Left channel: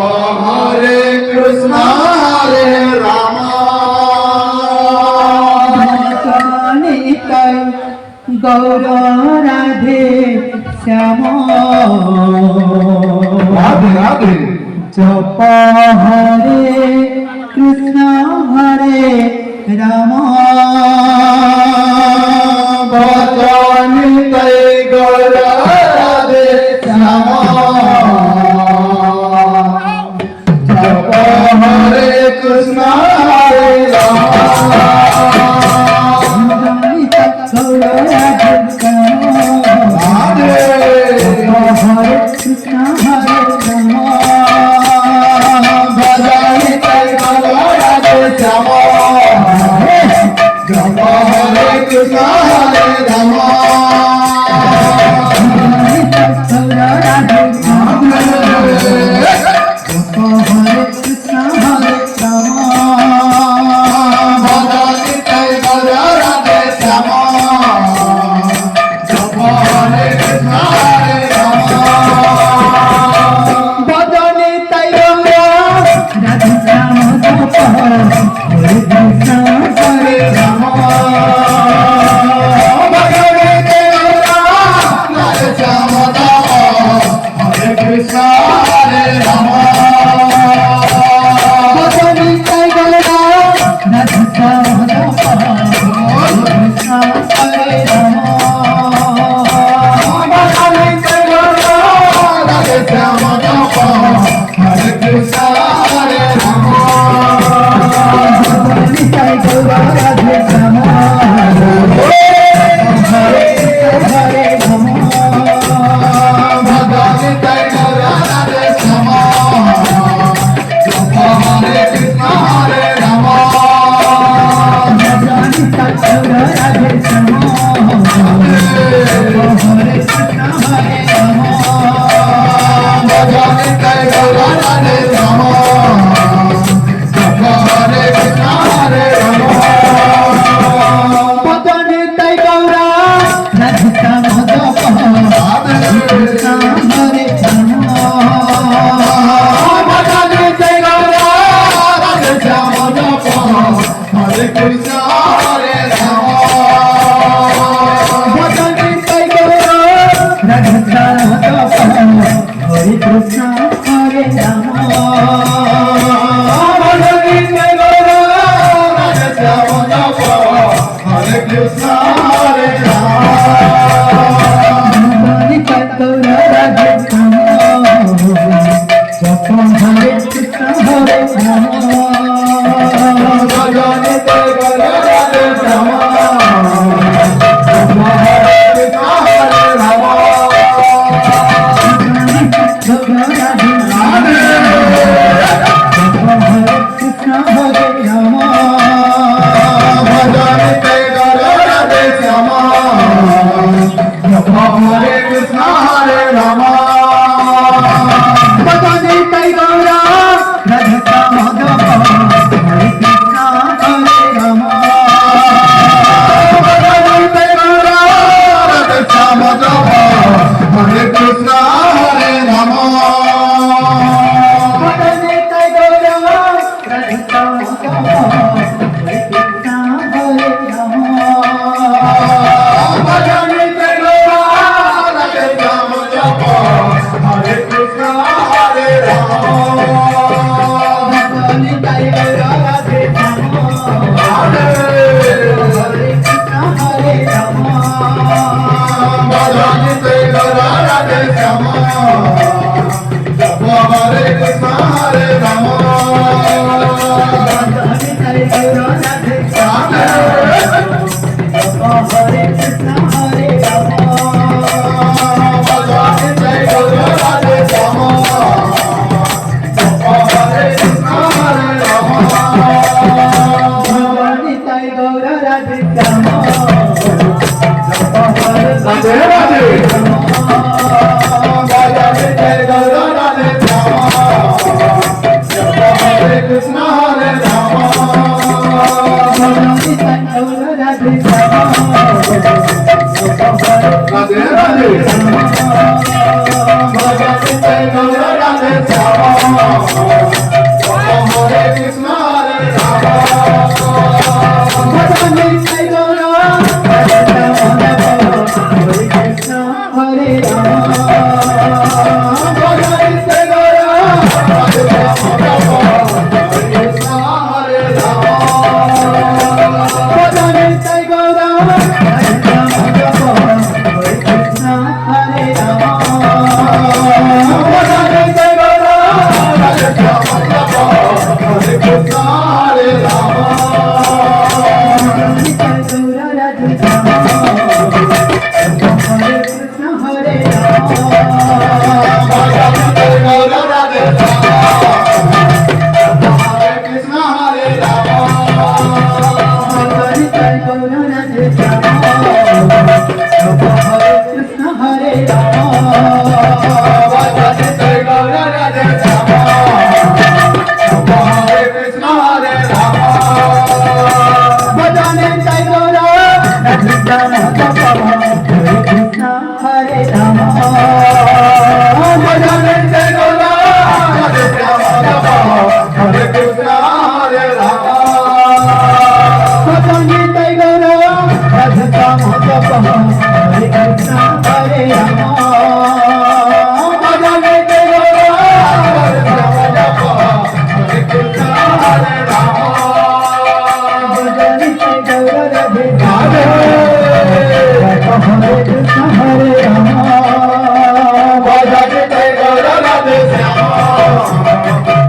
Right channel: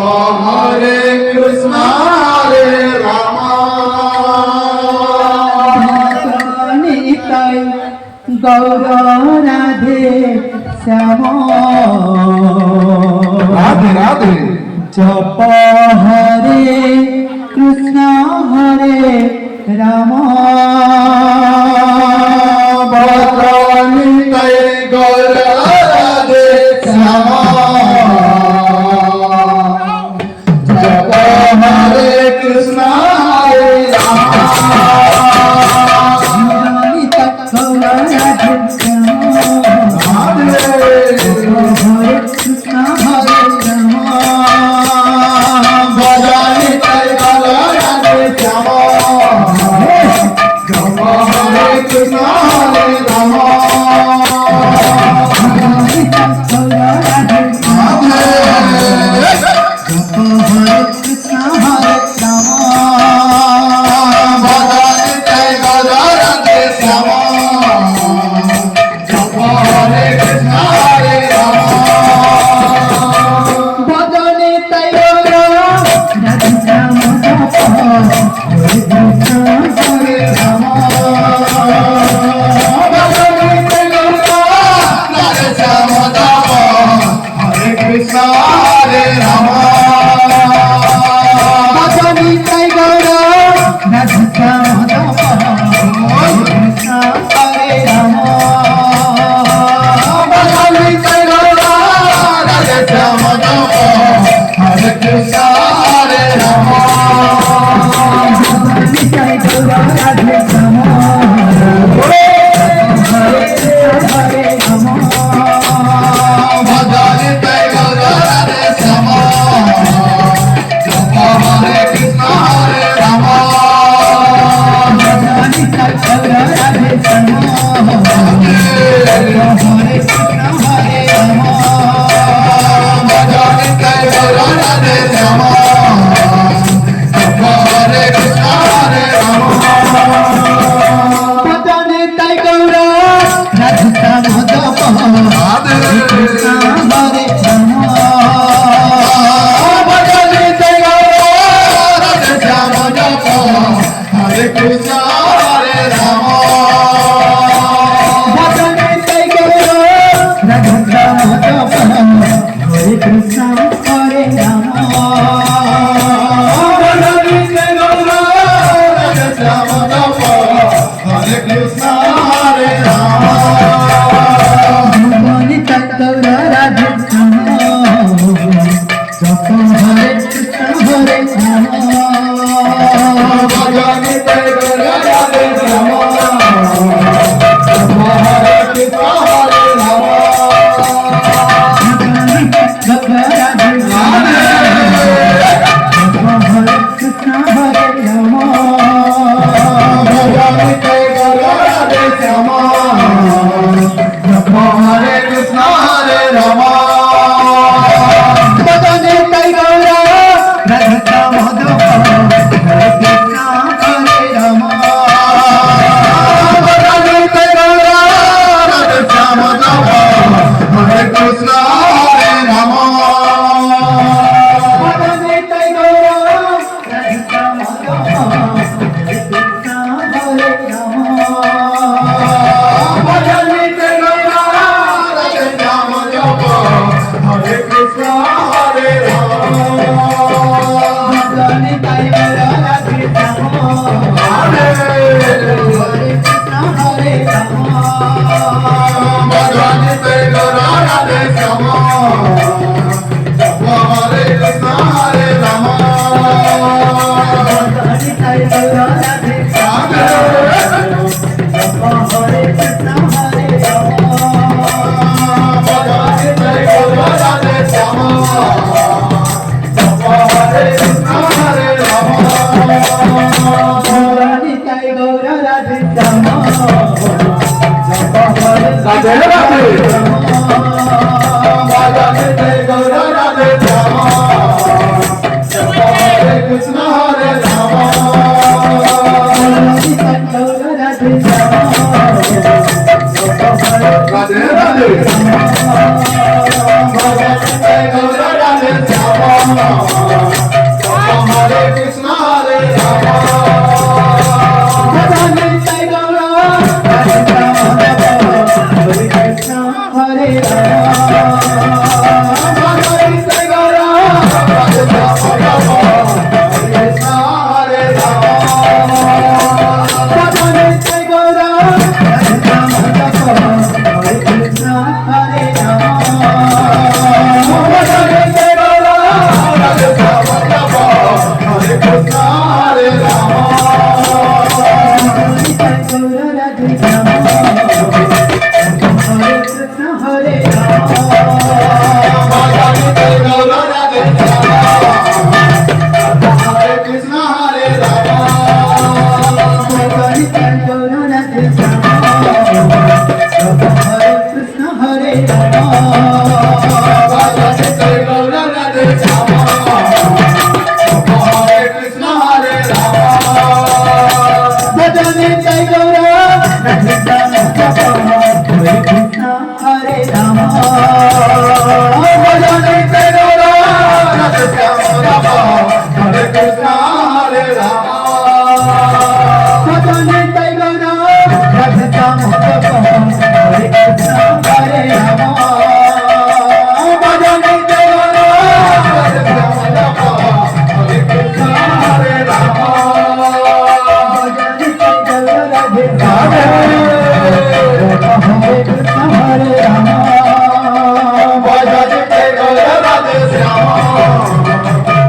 Hare Krishna Hare Rama Nitai Gaura Radhe Shyama Radhe Radhe Japa Hare Krishna Hare Rama Nitai Gaura Radhe Shyama Japa Hare Krishna Hare Rama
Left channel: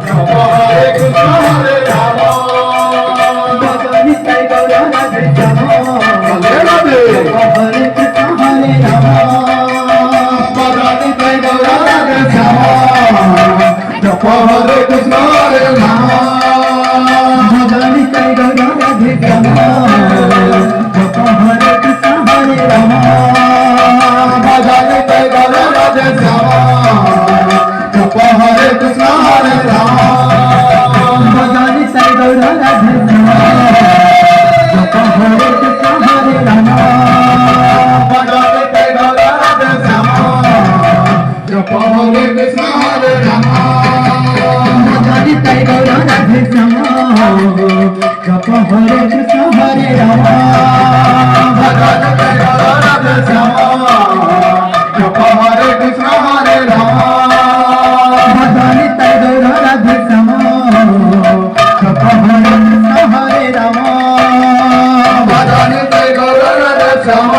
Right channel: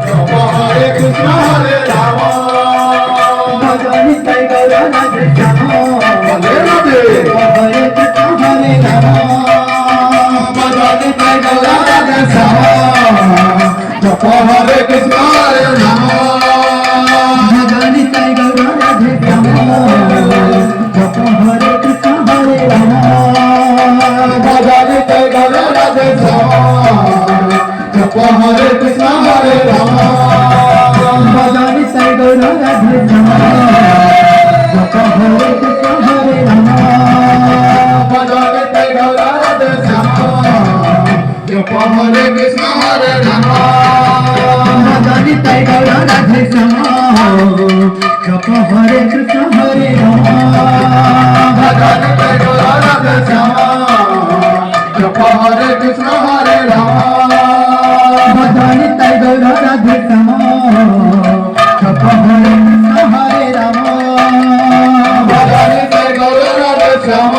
জপ হরে কৃষ্ণ হরে রাম ভজন নিতাই গৌর রাধে শ্যাম রাধে রাধে হরে কৃষ্ণ হরে রাম ভজন নিতাই গৌর রাধে শ্যাম জপ হরে কৃষ্ণ হরে রাম ভজন নিতাই গৌর রাধে শ্যাম জপ হরে কৃষ্ণ হরে রাম ভজন নিতাই গৌর রাধে শ্যাম জপ হরে কৃষ্ণ হরে রাম ভজন নিতাই গৌর রাধে শ্যাম জপ হরে কৃষ্ণ হরে রাম ভজন নিতাই গৌর রাধে শ্যাম জপ হরে কৃষ্ণ হরে রাম ভজন নিতাই গৌর রাধে শ্যাম জপ হরে কৃষ্ণ হরে রাম ভজন নিতাই গৌর রাধে শ্যাম জপ হরে কৃষ্ণ হরে রাম ভজন নিতাই গৌর রাধে শ্যাম জপ হরে কৃষ্ণ হরে রাম ভজন নিতাই গৌর রাধে শ্যাম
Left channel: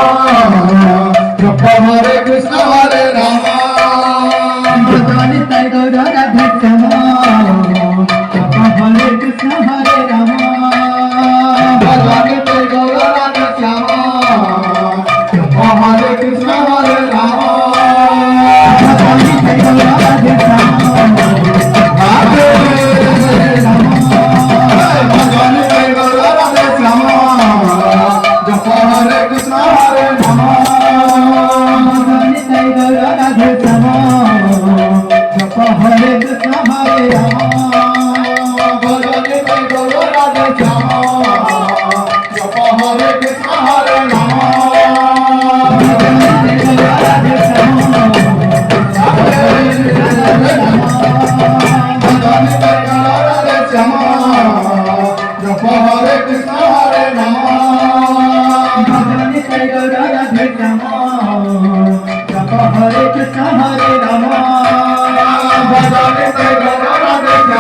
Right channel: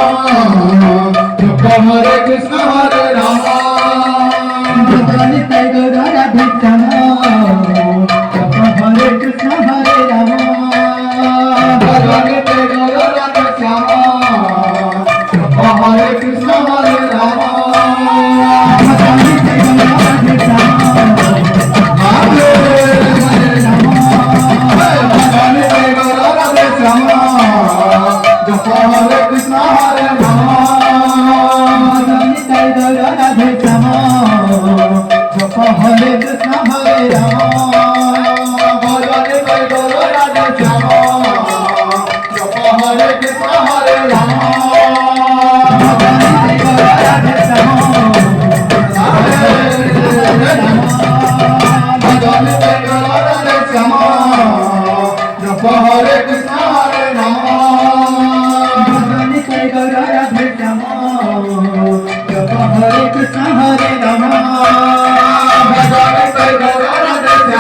জপ হরে কৃষ্ণ হরে রাম ভজন নিতাই গৌর রাধে শ্যাম জপ হরে কৃষ্ণ হরে রাম ভজন নিতাই গৌর রাধে শ্যাম জপ হরে কৃষ্ণ হরে রাম ভজন নিতাই গৌর রাধে শ্যাম রাধে ভজন নিতাই গৌর রাধে শ্যাম জপ হরে কৃষ্ণ হরে রাম ভজন নিতাই গৌর রাধে শ্যাম জপ হরে কৃষ্ণ হরে রাম